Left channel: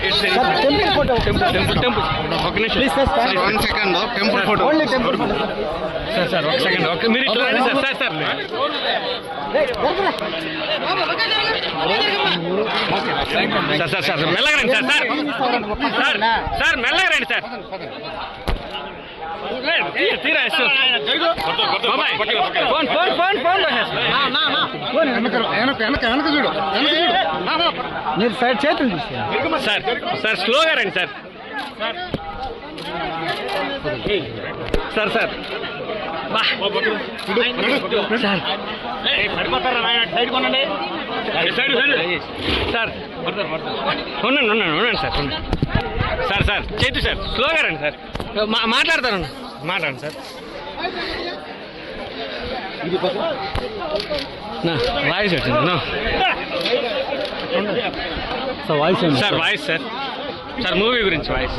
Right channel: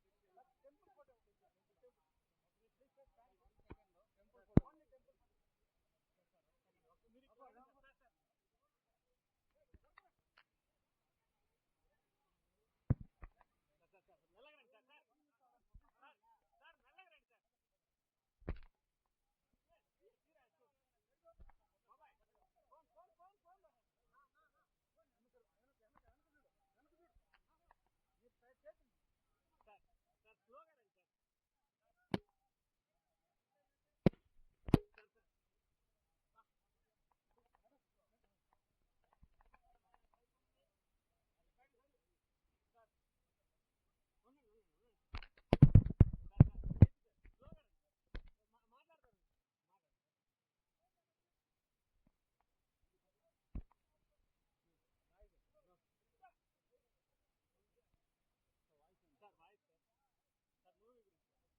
temple photo ఒక నిమిషం sir 1 second temple photo only temple photo sir ఒక second okay మీరు ఇట్లా రండి సార్ సార్ సార్ మెల్లగా రండి సార్ మెల్లగా రండి సార్ తీరా ఫోన్ వెనక చూడు మీరు సైడ్ చేతులు తీసుకోండి సార్ స్లోగా రండి సార్ సార్ సార్ ఉండండి సార్ చేతు సార్ స్లోగా రండి సార్ మాట్లాడతాను మాట్లాడండి సార్ వాయిస్ వచ్చింది సార్ వాయిస్ సార్ మూవీ గురించి వాయిస్